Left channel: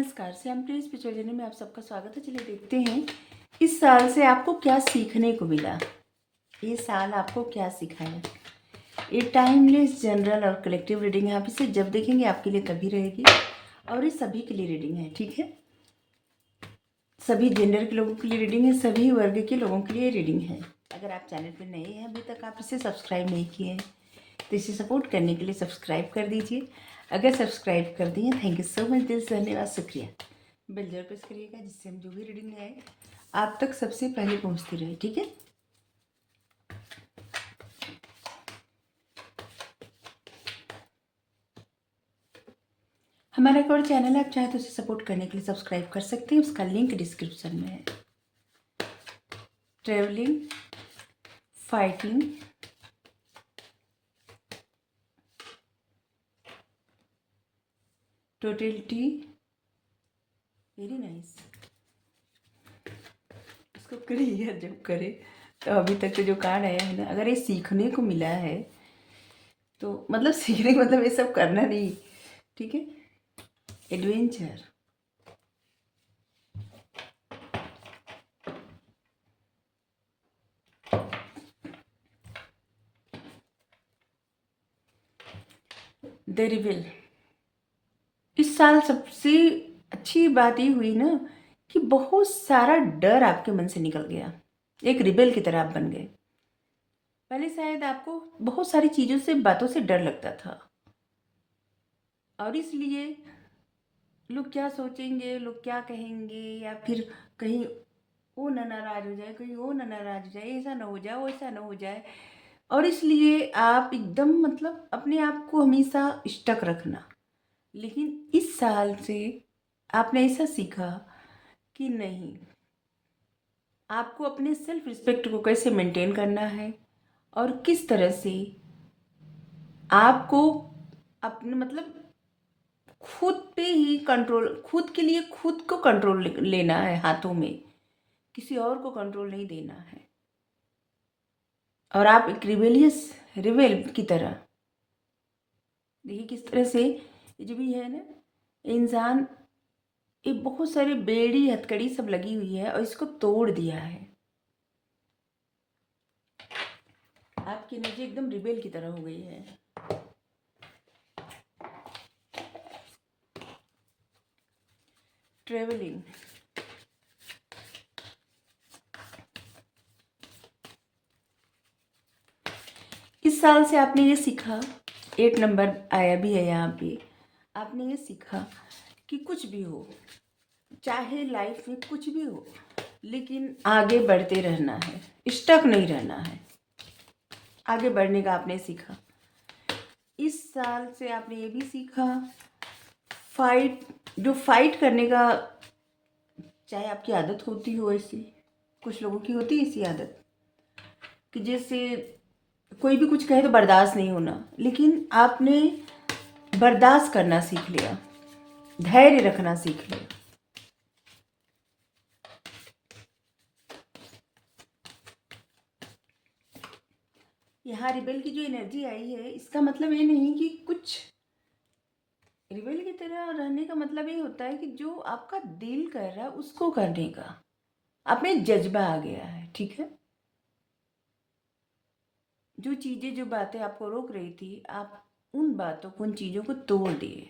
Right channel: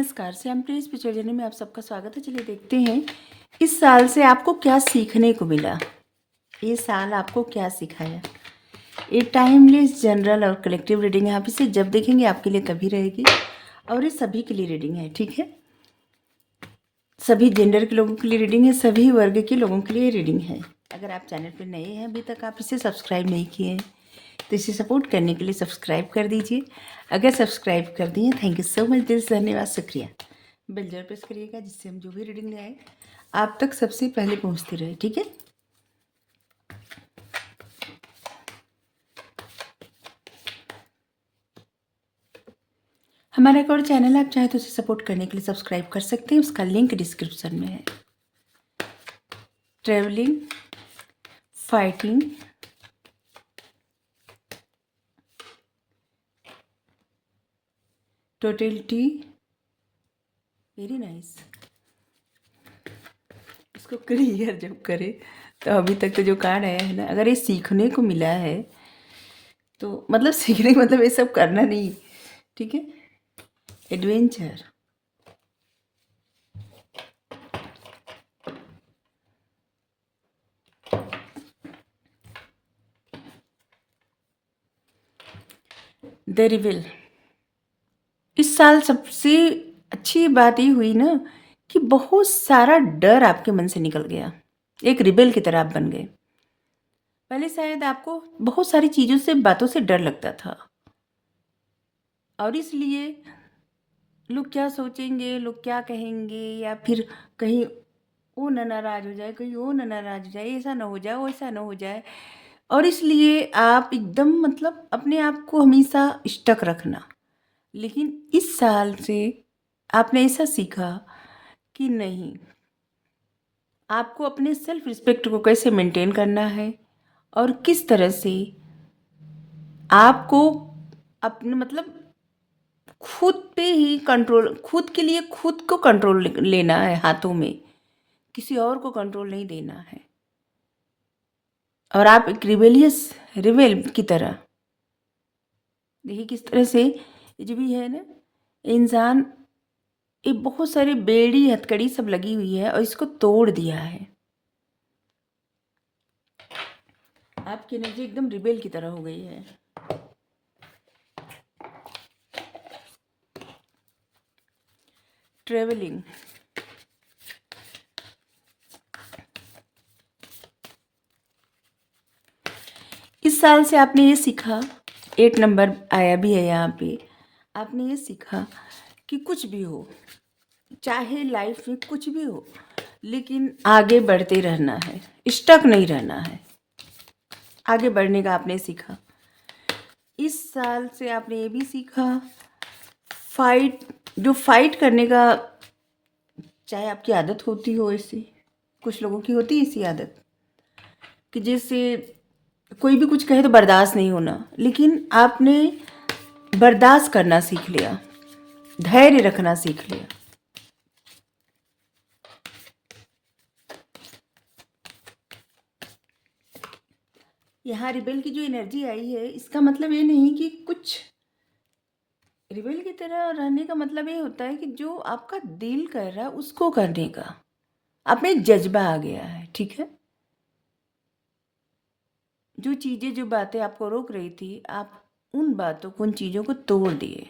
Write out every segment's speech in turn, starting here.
नमस्कार, श्यामप्रिय spiritual journey में आप सबका स्वागत है। चलिए देखते हैं इस साल से आपको क्या सीखने को मिला। ये साल आपको क्या सिखाया। ये टाइमलेस जनरल और कलेक्टिव रीडिंग है। आप इसे जब देखेंगे आपके लिए तभी रहेगी और ये सभी के लिए रीडिंग है, ठीक है। सभी जेंडर के लोगों के लिए रीडिंग है, सभी वर्ग के लोगों के लिए रीडिंग है। अगर आप चैनल पर नए हैं, अभी तक आप इसे सब्सक्राइब नहीं किए हैं तो इसे सपोर्ट करने के लिए सब्सक्राइब कर दीजिए। अगर सब्सक्राइब कर दिए, थैंक यू सो मच, दिल से धन्यवाद, शुक्रिया। बेल जरूर प्रेस करिएगा जिससे हम जो भी रीडिंग लाए आप तक सबसे पहले पहुंचती रहे, ठीक है। हमारा एक और चैनल है, आप चाहे तो उसे सपोर्ट करने के लिए सब्सक्राइब कर सकते हैं, उसका लिंक डिस्क्रिप्शन में है। Travelling, fighting, totality, very nice. इसको क्लियर जब करें तो अभी तक तो जो कार्ड आया है ना, अगर ये सीखने को मिला है तो मतलब सीखने का मतलब ये सब करना नहीं, ठीक है। Adventure, the रिविल। इस साल सबसे अच्छी बात ये हुई ना कि बहुत सारा डर आपके मन से निकल गया। एक रिबेल की तरह आप बन गए। पहले शायद आपको बहुत सारी चीज़ों से, बातों से डर लगता था और इसलिए लोग क्या सोचेंगे, लोग क्या कहेंगे, या फिर कहीं वो ना नाराज हो जाए, कहीं वो ना नाराज हो जाए, ऐसा ना हो जाए, वैसा ना हो जाए, और इसलिए आप एकदम मतलब अपने आप को हमेशा स्टक रखना। लेकिन इस साल से आपने ऐसा सीखा कि नहीं, आपको अपने सेल्फ रिस्पेक्ट को कैसे मेंटेन करना है और किस तरह से आपको अपने मतलब खुद पे ही कंट्रोल, खुद के लिए खुद को कंट्रोल लेना है हाथों में, किसी और को कंट्रोल नहीं देना है। और आप एक रिबेल की तरह देखिए किस तरह से ये जो भी है ना, इंसान, ये बहुत सारी बेड़ी हथकड़ी सब लगी हुई है और इसको तोड़ दिया है। आपकी एनर्जी एकदम रिबेल की तरह हो गई है। ट्रेवलिंग, इस साल से आपने ये सीखा, 8 नंबर आया भी है यहाँ पे, आपने ये सीखा कि कुछ भी हो, चाहे लाइफ में कुछ भी हो, लेकिन आगे बढ़ते रहना है, स्टक नहीं रहना है, आगे बढ़ने का आपने सीखा। इस साल से आपने ये भी सीखा, फाइट करने का, चाहे आपकी आदत होती हो ऐसी, कुछ लोगों की होती है ऐसी आदत कि जैसे कोई भी कुछ कहे तो बर्दाश्त नहीं होना, लेकिन आपने बर्दाश्त करना सीख लिया, धैर्य रखना सीख लिया। यहाँ रिबेल की जो एनर्जी आई है, इसका मतलब ये नहीं कि कुछ, रिबेल की तरह रहने का मतलब ये होता है कि जो आपका दिल कर रहा है उसको करने का आप में जज्बा आ गया है, ठीक है। जो चीज़ें, जो बातें आपको रोक रही थी, आप उन बातों को, उन चीज़ों को तोड़ दिए।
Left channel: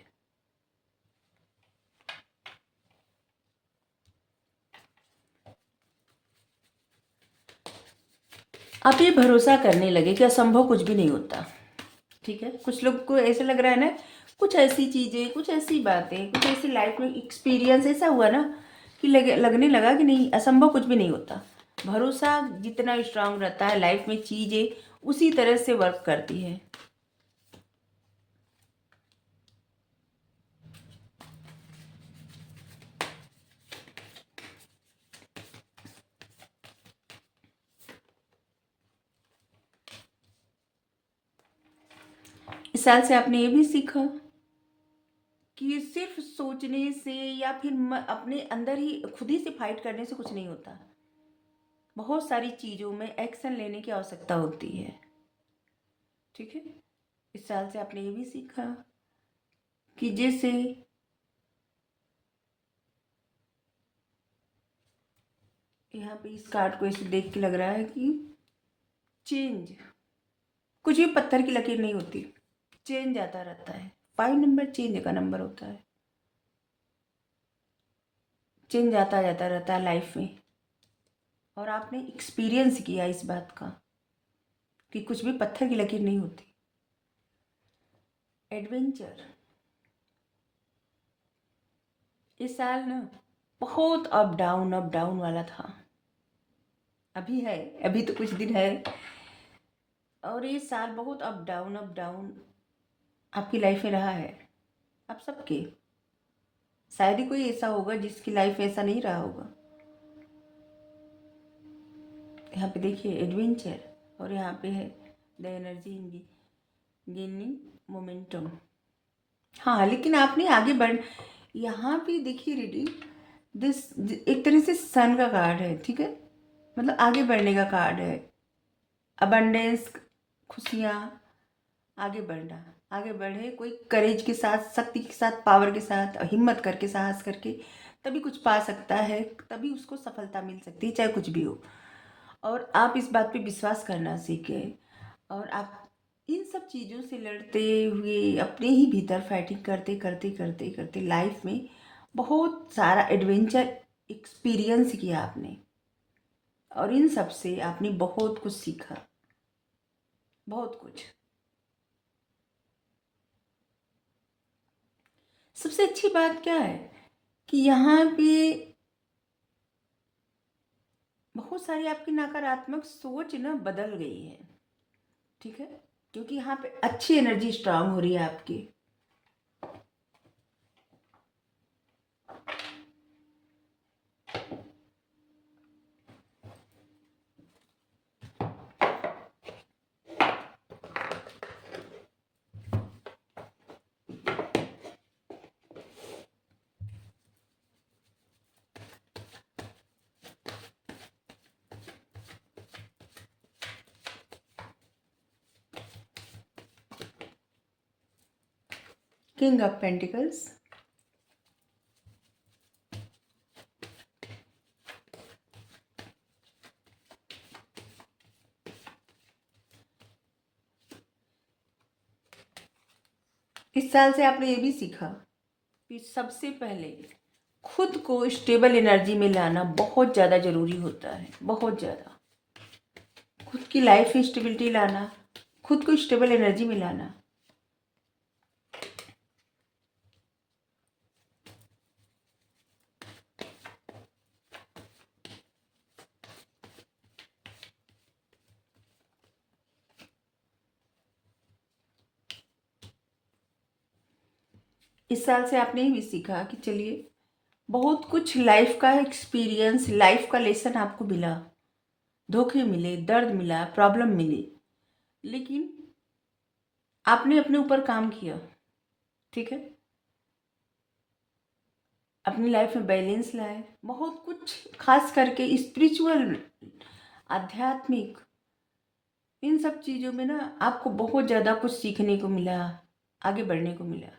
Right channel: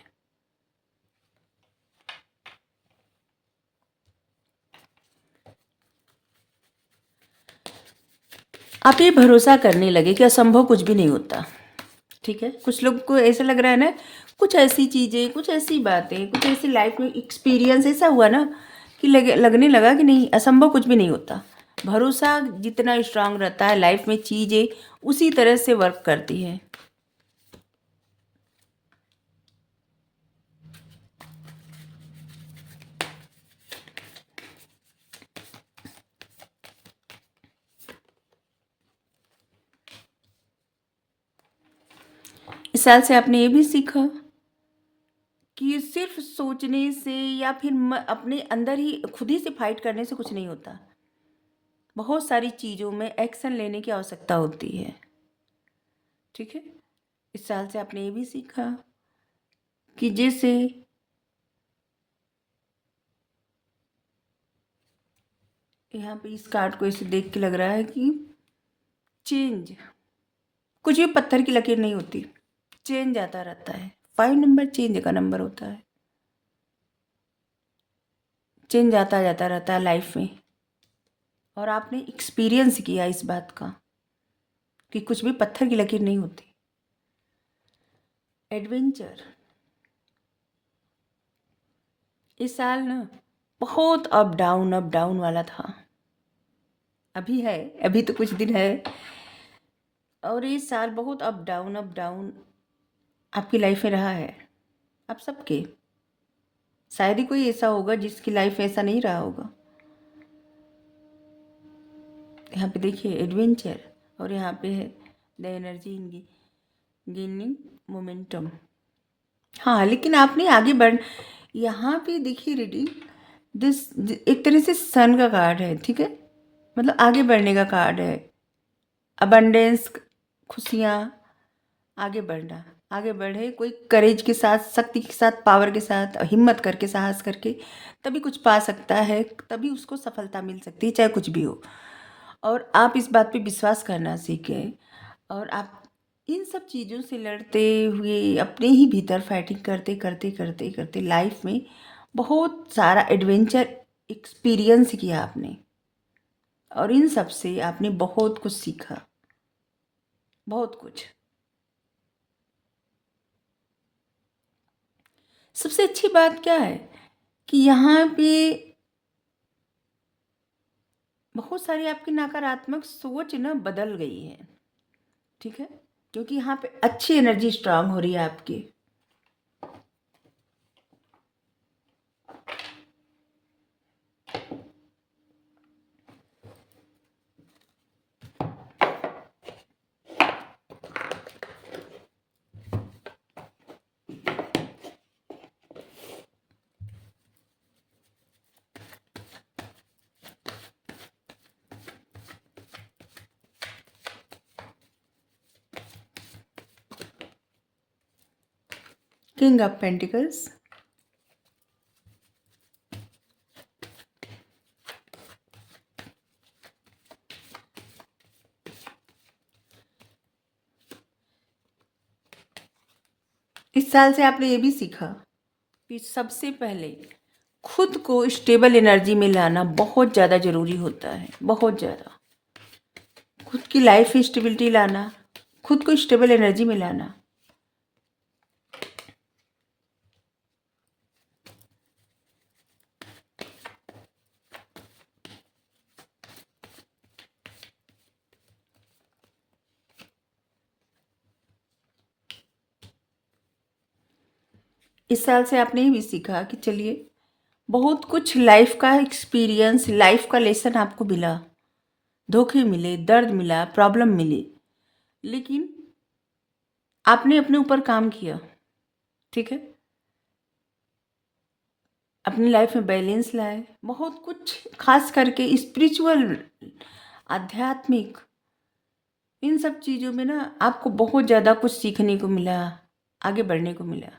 आप ये भरोसा करने लगे कि असंभव कुछ भी नहीं होता, ठीक है। कुछ लोग को ऐसा लग रहा है ना, कुछ ऐसी चीज़ें, कुछ ऐसी बातें, कुछ ऐसी लाइफ में एक्सपीरियंस ऐसा हुआ ना कि लगने लगा कि नहीं, असंभव कुछ भी नहीं होता। भरोसा जितना स्ट्रांग रहता है लाइफ में, चीज़ें उसी तरह से वर्क करती है। इस साल से आपने ये भी सीखा कि सिर्फ सोचने से या फिर अपने अंदर ही खुद ही से फाइट करने से कुछ नहीं होता। बहुत सारी चीज़ों में एक्शन लेने की आवश्यकता होती है, ठीक है। इस साल से आपने ये भी सीखा कि जैसे यहाँ पे इस कार्ड को ऐसे देख के लग रहा है कि चेंज, कुछ भी पत्थर की लकीर नहीं होती, चेंज आता रहता है। 5 नंबर चेंज का नंबर होता है। चेंज आता जाता रहता है लाइफ में, और आपने एक्सपीरियंस किया इस बात का कि कुछ भी पत्थर की लकीर नहीं होती। एडवेंचर, इस साल ना बहुत अप डाउन वाला था, अभी है, अभी तो कुछ दिन है, और ये साल बहुत अप डाउन आपकी लाइफ में रहा है। आप सबके, शायद ही कोई ऐसा होगा जिसकी लाइफ में ऐसा नहीं रहा होगा। यहाँ पे देखिए एडवेंचर, और यहाँ पे है the energy in gaining momentum. हाँ, लेकिन आपने आगे बढ़, यहाँ पे देखिए रीडिंग दिस, एक तरह से सन का कार्ड है, ठीक है, मतलब आगे बढ़ने का कार्ड है। अबंडेंस, खुशियाँ, आगे बढ़ना, आगे बढ़े, कोई करेज के साथ, शक्ति के साथ, पावर के साथ, हिम्मत करके, साहस करके तभी कुछ पा सकता है, तभी उसको सफलता मिल सकती है, चाहे कुछ भी हो। और आप इस बात पे विश्वास करना सीखें, और आप इन सब चीज़ों से लड़ते हुए अपने ही भीतर फाइटिंग करते करते करते करते लाइफ में बहुत सारा एडवेंचर एक्सपीरियंस किया आपने, और इन सब से आपने बहुत कुछ सीखा, बहुत कुछ। सबसे अच्छी बात क्या है कि यहाँ पे बहुत सारी आपकी नकारात्मक सोच ना बदल गई है, ठीक है, क्योंकि यहाँ पे अच्छी एनर्जी स्ट्रांग हो रही है आपकी। किंग ऑफ पेंटिकल्स, इस साल से आपने ये भी सीखा कि सबसे पहले खुद को स्टेबल एनर्जी में लाना बहुत ज़्यादा ज़रूरी होता है, बहुत ज़्यादा। खुद की लाइफ में स्टेबिलिटी लाना, खुद को स्टेबल एनर्जी में लाना। इस साल से आपने ये भी सीखा कि चलिए, बहुत कुछ लाइफ का एक्सपीरियंस, लाइफ का लेसन आपको मिला, धोखे मिले, दर्द मिला, प्रॉब्लम मिली, लेकिन आपने अपने ऊपर काम किया, ठीक है, अपनी लाइफ में बैलेंस लाए, बहुत कुछ, खास करके स्पिरिचुअल, आध्यात्मिक, इन सब चीज़ों में ना आपको बहुत ज़्यादा कुछ सीखने को मिला, आगे बढ़ने को मिला,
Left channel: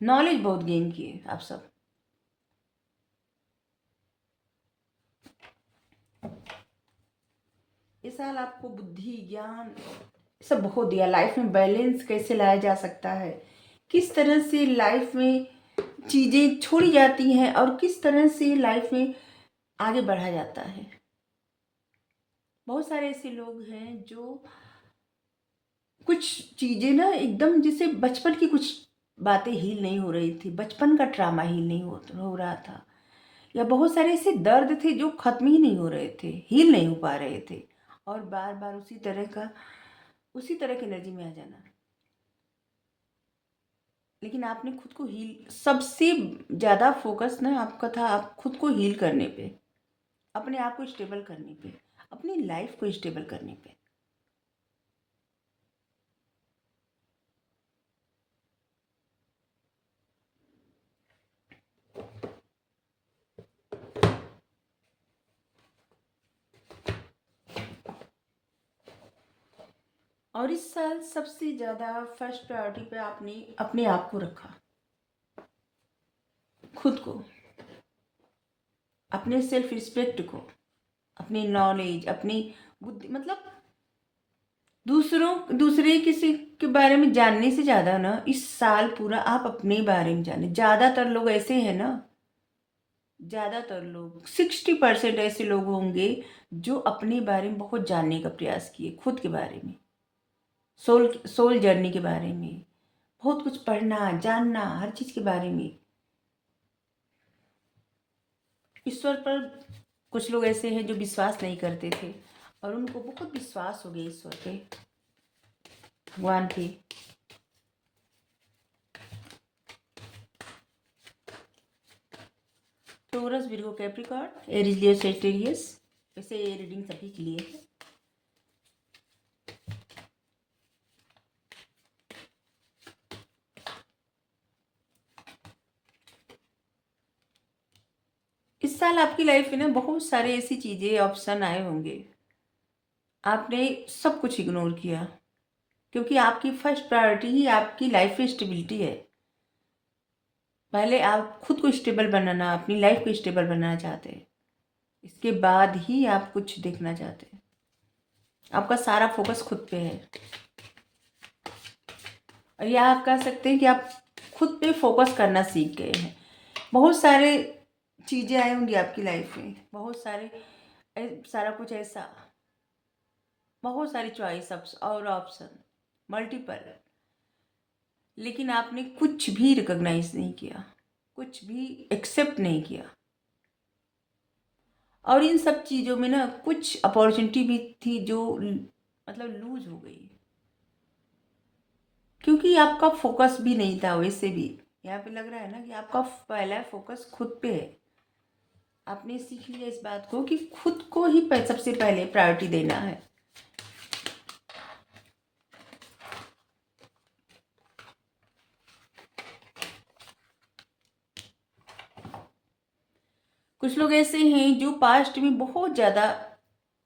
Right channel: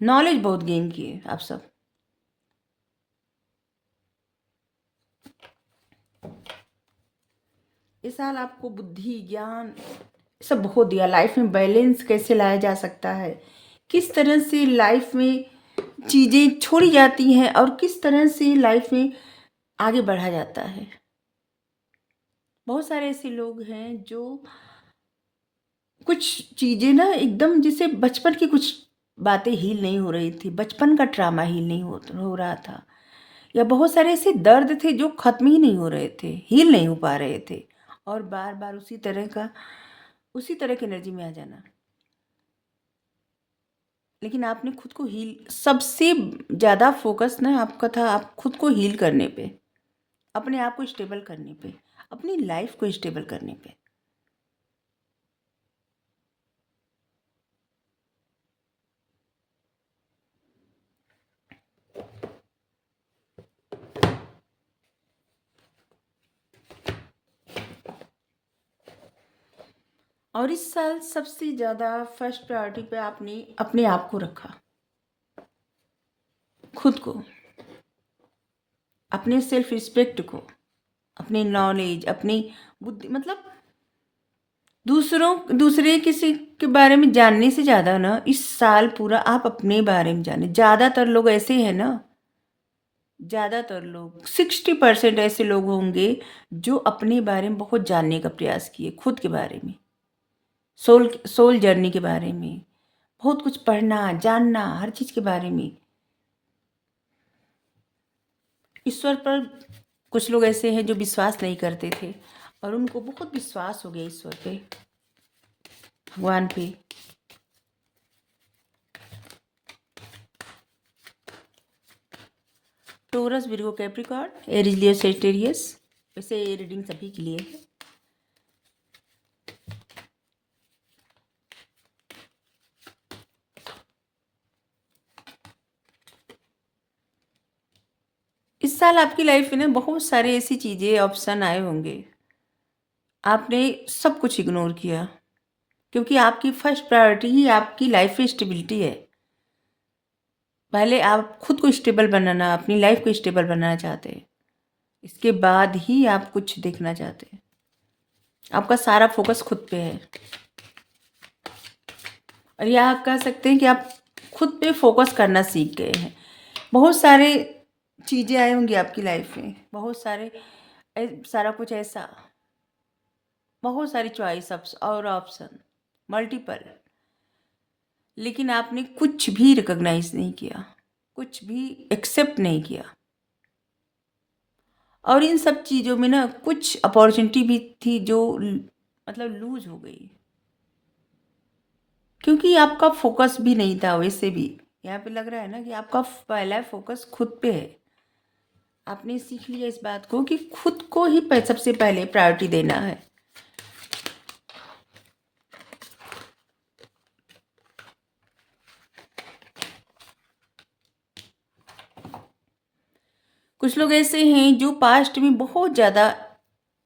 नॉलेज बहुत गेन किए आप सब। इस साल आपको बुद्धि, ज्ञान सब बहुत दिया, लाइफ में बैलेंस कैसे लाया जा सकता है, किस तरह से लाइफ में चीज़ें छोड़ी जाती हैं और किस तरह से लाइफ में आगे बढ़ा जाता है। बहुत सारे ऐसे लोग हैं जो कुछ चीज़ें ना एकदम, जैसे बचपन की कुछ बातें हील नहीं हो रही थी, बचपन का ट्रामा हील नहीं हो रहा था, या बहुत सारे ऐसे दर्द थे जो ख़त्म ही नहीं हो रहे थे, हील नहीं हो पा रहे थे, और बार बार उसी तरह की एनर्जी में आ जाना। लेकिन आपने खुद को हील, सबसे ज़्यादा फोकस ना आपका था आप खुद को हील करने पे, अपने आप को स्टेबल करने पे, अपनी लाइफ को स्टेबल करने पे। और इस साल सबसे ज़्यादा फर्स्ट प्रायोरिटी पे आपने अपने आप को रखा, खुद को, अपने सेल्फ रिस्पेक्ट को, अपनी नॉलेज, अपनी बुद्धि, मतलब दूसरे किसी के बारे में जानने से ज़्यादा ना इस साल पूरा आप अपने बारे में जाने। ज़्यादातर लोग ऐसे हैं ना, ज़्यादातर लोग 60% ऐसे लोग होंगे जो अपने बारे में बहुत जानने का प्रयास किए, खुद के बारे में, सोल सोल जर्नी के बारे में, बहुत कुछ पढ़ना, जानना, हर चीज़ के बारे में। ईश्वर पर कुछ लोग ऐसे हैं जो विश्वास नहीं करते थे और उनको बहुत विश्वास हो गया ईश्वर पे, भगवान पे। Torus, Virgo, Capricorn, Aries, Leo, Sagittarius. वैसे ये रीडिंग सभी के लिए है। इस साल आपकी लाइफ में ना बहुत सारे ऐसी चीज़ें, ऑप्शन आए होंगे, आपने सब कुछ इग्नोर किया, क्योंकि आपकी फर्स्ट प्रायोरिटी ही आपकी लाइफ में स्टेबिलिटी है। पहले आप खुद को स्टेबल बनाना, अपनी लाइफ को स्टेबल बनाना चाहते हैं, इसके बाद ही आप कुछ देखना चाहते हैं। आपका सारा फोकस खुद पे है, और यह आप कह सकते हैं कि आप खुद पे फोकस करना सीख गए हैं। बहुत सारे चीज़ें आई होंगी आपकी लाइफ में, बहुत सारे सारा कुछ ऐसा, बहुत सारी चॉइस और ऑप्शन, मल्टीपल, लेकिन आपने कुछ भी रिकॉग्नाइज नहीं किया, कुछ भी एक्सेप्ट नहीं किया। और इन सब चीज़ों में ना कुछ अपॉर्चुनिटी भी थी जो मतलब लूज हो गई, क्योंकि आपका फोकस भी नहीं था। वैसे भी यहाँ पे लग रहा है ना कि आपका पहला फोकस खुद पे है। आपने सीख लिया इस बात को कि खुद को ही सबसे पहले प्रायोरिटी देना है। कुछ लोग ऐसे हैं जो पास्ट में बहुत ज़्यादा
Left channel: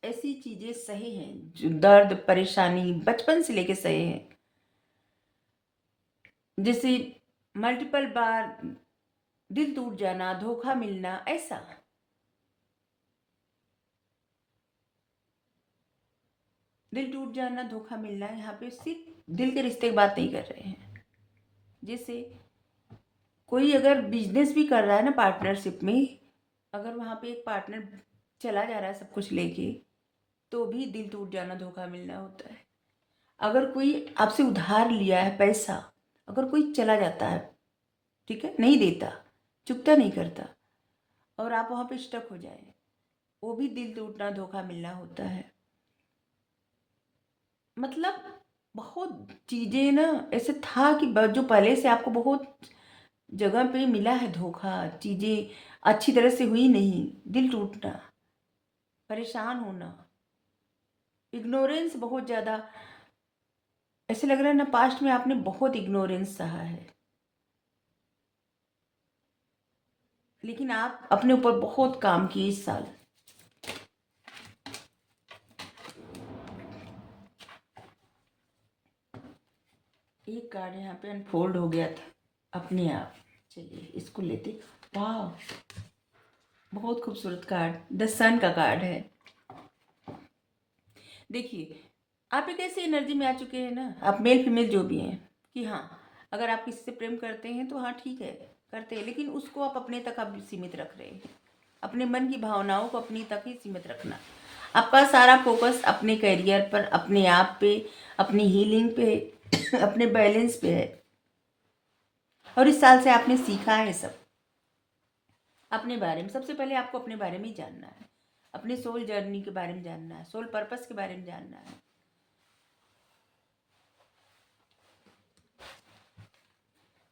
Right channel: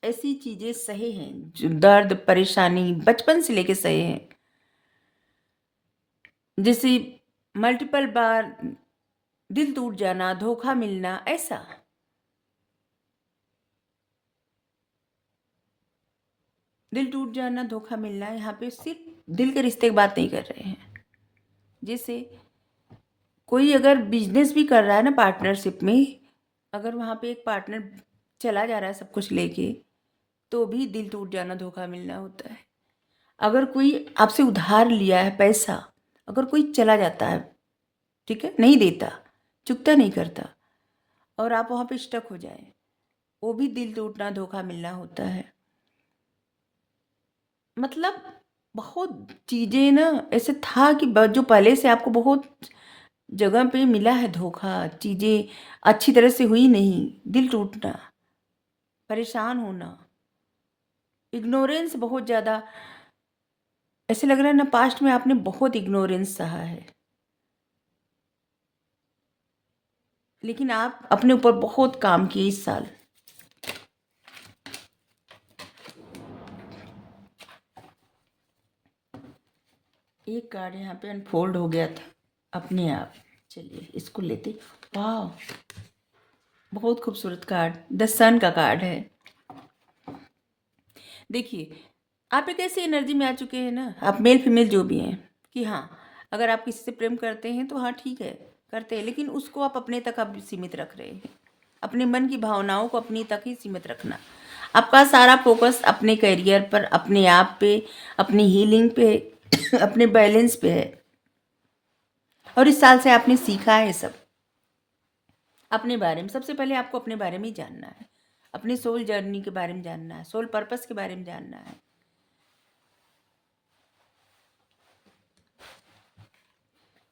ऐसी चीज़ें सहे हैं, जो दर्द परेशानी बचपन से लेके सहे हैं, जैसे मल्टीपल बार दिल टूट जाना, धोखा मिलना, ऐसा। दिल टूट जाना, धोखा मिलना, यहाँ पे सिर्फ दिल के रिश्ते की बात नहीं कर रहे हैं। जैसे कोई अगर बिजनेस भी कर रहा है ना पार्टनरशिप में, अगर वहाँ पे एक पार्टनर चला जा रहा है सब कुछ लेके, तो भी दिल टूट जाना, धोखा मिलना होता है। अगर कोई आपसे उधार लिया है पैसा, अगर कोई चला जाता है, ठीक है, नहीं देता, चुकता नहीं करता, और आप वहाँ पे स्टक हो जाए, वो भी दिल टूटना, धोखा मिलना होता है। मतलब बहुत चीज़ें ना ऐसे था कि जो पहले से आपको बहुत जगह पे मिला है धोखा, चीज़ें अच्छी तरह से हुई नहीं, दिल टूटना, परेशान होना, इग्नोरेंस बहुत ज़्यादा। ऐसे लग रहा है ना पास्ट में आपने बहुत इग्नोरेंस सहा है, लेकिन आप अपने ऊपर बहुत काम किए इस साल। एक कार्ड यहाँ पे अनफोल्ड हो गया था अपने आप। चलिए इसको लेते। वाह, बहुत खूबसूरत कार्ड, द सन का कार्ड है। देखिए आप एक ऐसी एनर्जी में आ चुके हैं ना, आप मेल फीमेल जो भी हैं, कि हाँ अगर आप किसी से प्रेम करते हैं तो हाँ ठीक है, करते हैं, लेकिन उसको आप अपने तक आप सीमित रख रहे हैं। अपने मन की भावनाओं को अपनी तक ही सीमित रखना। आपका सारा फोकस अपने करियर पर, अपने आप पे, अपनी हीलिंग पे अपने बैलेंस पे है। और इस साल से आपने सीखा है सब अपने बारे में। सबसे पहले आपको अपने बारे में ही जानना है, अपने सोल जर्नी के बारे में जानना है, सोल पर्पस के बारे में जानना है।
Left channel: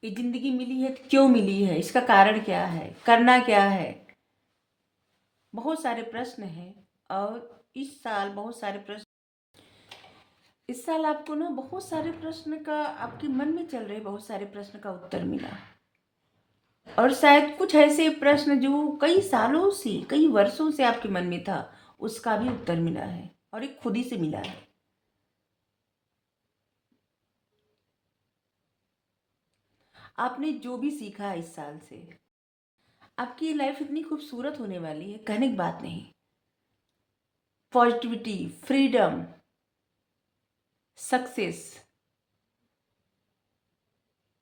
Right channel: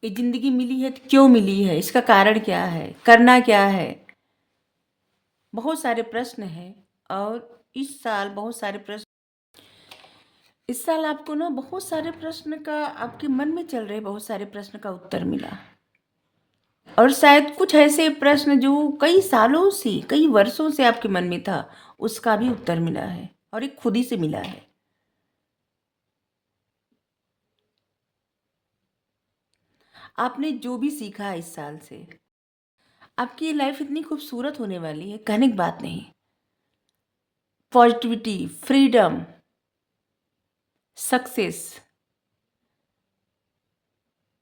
ये जिंदगी मिली है तो क्यों मिली है, इसका कारण क्या है, करना क्या है, बहुत सारे प्रश्न हैं। और इस साल बहुत सारे प्रश्न, इस साल आपको ना बहुत सारे प्रश्न का आपके मन में चल रहे बहुत सारे प्रश्न का उत्तर मिला। और शायद कुछ ऐसे प्रश्न जो कई सालों से, कई वर्षों से आपके मन में था, उसका भी उत्तर मिला है, और एक खुद ही से मिला है। आपने जो भी सीखा है इस साल से, आपकी लाइफ इतनी खूबसूरत होने वाली है, कहने की बात नहीं। Positivity, freedom, success,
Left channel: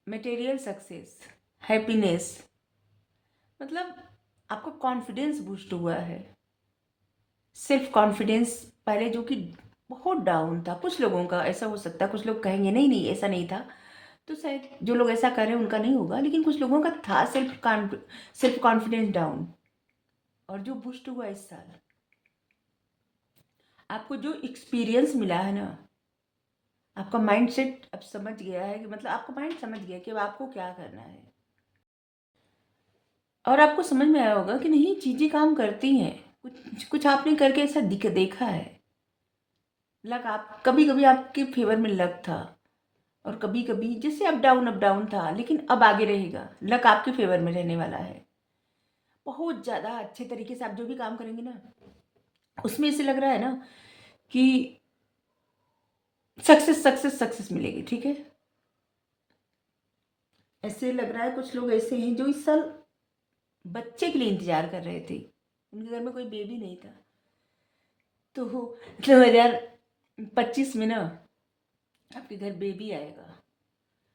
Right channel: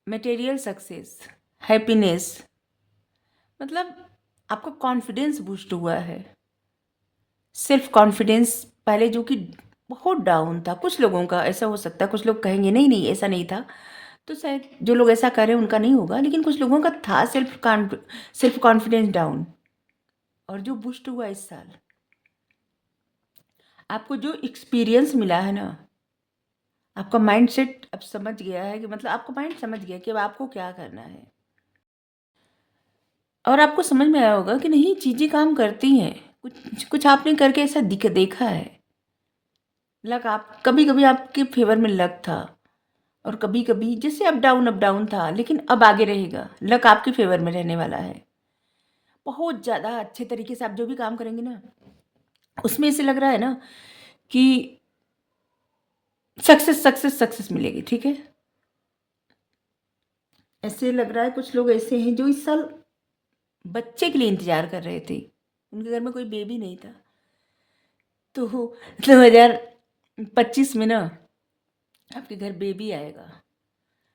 material success, happiness, मतलब आपका कॉन्फिडेंस बूस्ट हुआ है। सेल्फ कॉन्फिडेंस पहले जो कि बहुत डाउन था, कुछ लोगों का ऐसा हो सकता है, कुछ लोग कहेंगे नहीं नहीं ऐसा नहीं था, तो शायद जो लोग ऐसा कर रहे हैं उनका नहीं होगा, लेकिन कुछ लोगों का था सेल्फ कॉन्फिडेंस डाउन, और जो बूस्ट हुआ इस साल, आपको जो एक्सपीरियंस मिला है ना, आपका माइंड सेट अब समझ गया है कि मतलब आपका माइंड समझ गया कि अब आपको क्या करना है, और आपको समझ में आया होगा कि नहीं चीज़ें काम करती हैं। कुछ कुछ आपने करके ऐसा देखा है। लक आप कभी कभी आपके फेवर में लक था, और कभी कभी जैसे अप डाउन था, लेकिन अब आगे रहेगा, लक आपके फेवर में रहने वाला है। बहुत ज़्यादा अच्छे तरीके से आप जो भी काम करेंगे ना, उसमें ऐसे लग रहा है ना कि सक्सेस सक्सेस सक्सेस मिलेगी, ठीक है। ऐसे लग रहा है कुछ लोग ऐसे हैं जो इस साल बच्चे के लिए इंतजार कर रहे थे, उनके घर में कोई बेबी नहीं था, तो 2025 में ना आपके घर बेबी आएगा।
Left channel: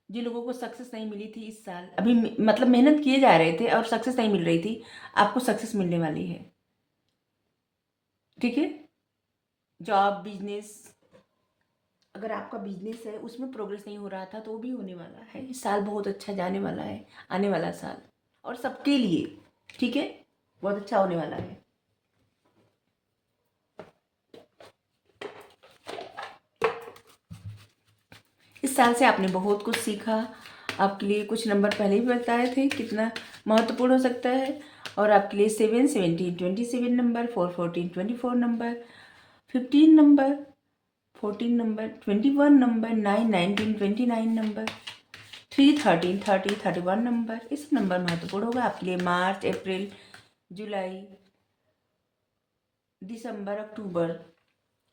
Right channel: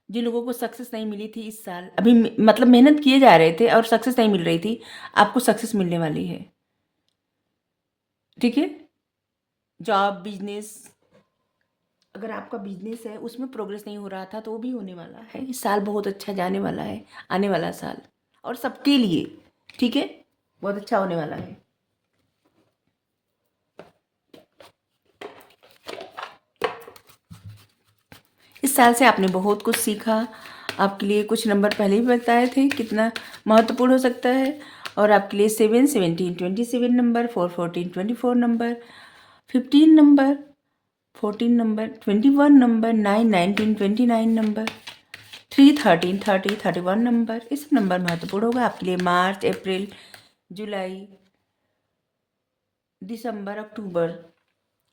जिन लोगों को सक्सेस नहीं मिली थी इस साल, अभी मतलब मेहनत किए जा रहे थे और सक्सेस नहीं मिल रही थी, आपको सक्सेस मिलने वाली है, ठीक है। जॉब, बिजनेस, अगर आपका बिजनेस है उसमें प्रोग्रेस नहीं हो रहा था तो वो भी होने वाला है। इस साल बहुत अच्छा जाने वाला है, आने वाला साल, और सबके लिए, ठीक है, बहुत अच्छा होने वाला है। इस साल से आपने बहुत कुछ सीखा। आपके लिए कुछ नंबर पहले ही बताए थे कितना महत्वपूर्ण हो सकता है, और आपके लिए 7, 17, 27 number, 4, 14, 24 number, 15 number, 14 number, 21 number, 9, 19, 29 number, 3, 13, 30, 31 number, इस नंबर महत्वपूर्ण होगा आपके लिए। मार्च, अप्रैल, जुलाई, दिसंबर, अक्टूबर,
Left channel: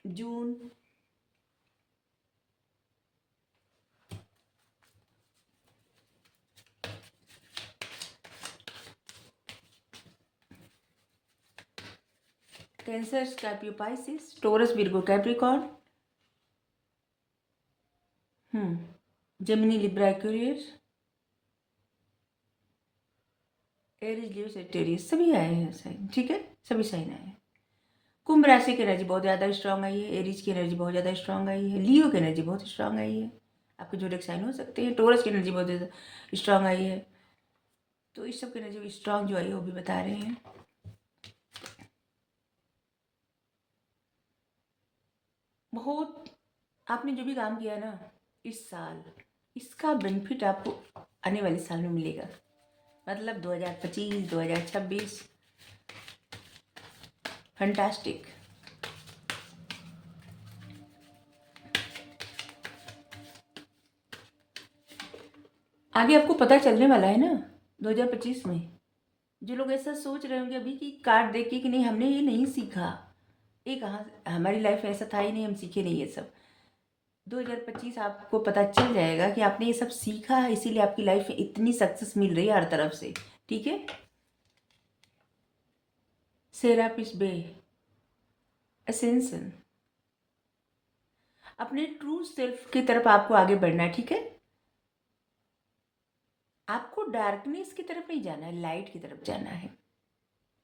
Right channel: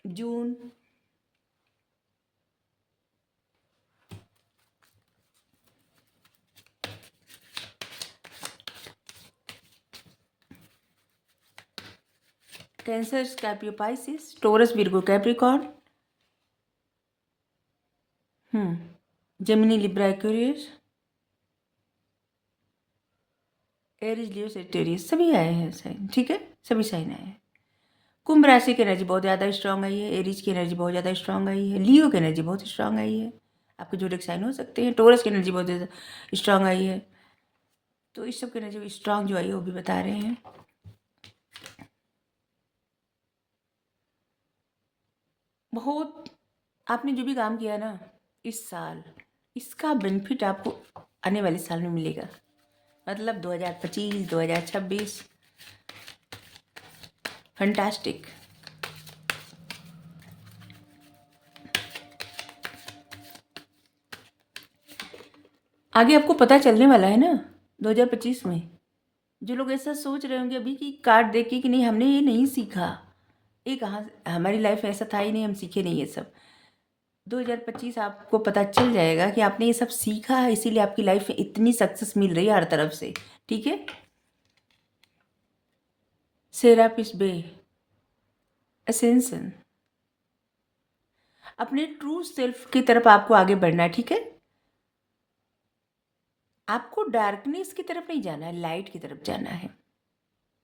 जून, Cancer, Scorpio, Pisces, Taurus, Virgo, Capricorn, Gemini, Libra, Aquarius, Aries, Leo, Sagittarius, सभी आए हैं साइन, ठीक है, सभी साइन आए हैं। कुंभ राशि की एनर्जी बहुत ज़्यादा स्ट्रांग आई है, एरीज की एनर्जी बहुत ज़्यादा स्ट्रांग आई है, लियो की एनर्जी बहुत स्ट्रांग आई है, आपके जोड़े साइन हो सकते हैं। टोरस की एनर्जी बहुत ज़्यादा स्ट्रांग आई है, तो इस सब की एनर्जी स्ट्रांग जो आई है वो भी बता रहे हैं। बहुत आपने जो भी काम किया ना इस साल, इसका बेनिफिट आपको आने वाले साल में मिलेगा, मतलब 2025, 2026, फैंटास्टिक। आगे आपको पता चलने वाला है ना 2025 में। जो लोग ऐसा सोच रहे होंगे अभी कि कार्ड देख के कि नहीं हमने ये नहीं सीखा, ये कहाँ, हमारी लाइफ में ऐसा था ही नहीं, हम सीखे नहीं ये सब, 2025 आपको पता चल जाएगा कि आपने ये सब सीखा है, इसीलिए आपकी लाइफ में इतनी सक्सेस मिल रही है हर तरफ से, ठीक है। सेरापिस बे, असेंशन, अपने ट्रू सेल्फ की तरफ आपको आगे बढ़ना है, ठीक है। आपको डार्कनेस की तरफ नहीं जाना है, लाइट की तरफ जाना है,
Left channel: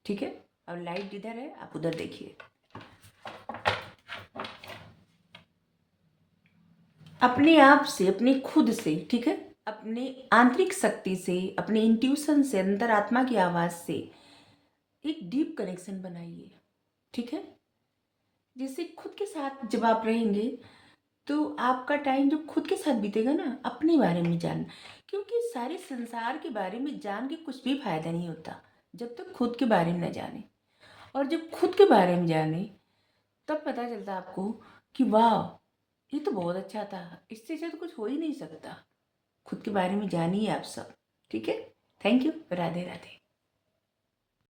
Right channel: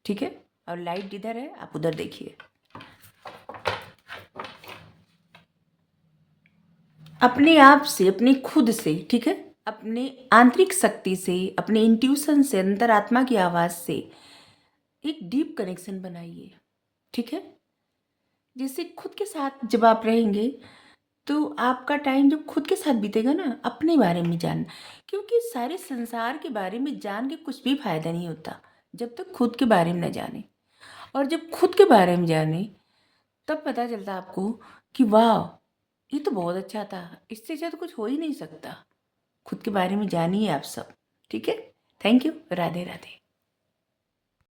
ठीक है। और लाइट जिधर है आप उधर देखिए। अपने आप से, अपने खुद से, ठीक है, अपने आंतरिक शक्ति से, अपने इंट्यूशन से, अंतरात्मा की आवाज़ से एक डीप कनेक्शन बनाइए, ठीक है। जैसे खुद के साथ जब आप रहेंगे तो आपका टाइम जब खुद के साथ बीतेगा ना, अपने बारे में जान, क्योंकि सारे संसार के बारे में जान के कुछ भी फायदा नहीं होता जब तक खुद के बारे में न जाने, और जब खुद के बारे में जाने तब पता चलता आपको कि वाह ये तो बहुत अच्छा था, इससे अच्छा तो कुछ हो ही नहीं सकता। खुद के बारे में जानिए आप सब, ठीक है। Thank you, Radhe Radhe.